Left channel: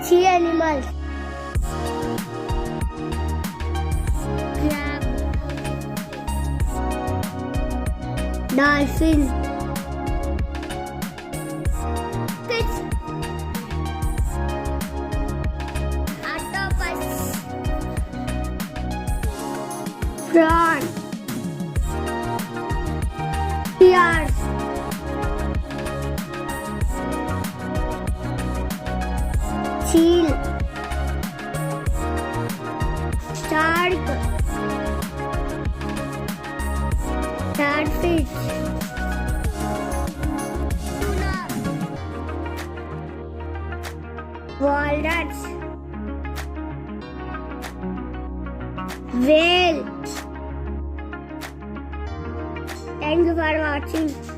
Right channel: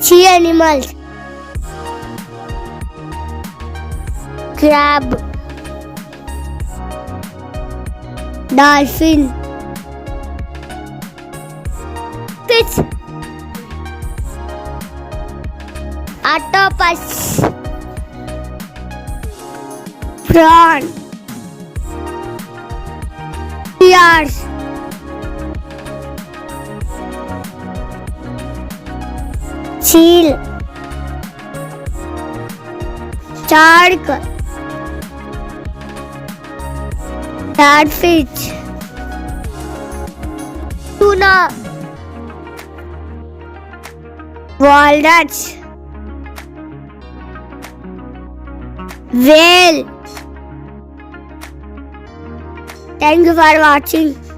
Sea animals. Crab. Dolphin. Fish. Octopus. Prawn. Ears. Seal. Shark. Catfish. Tuna. Walnuts. Whale. Thank you for watching.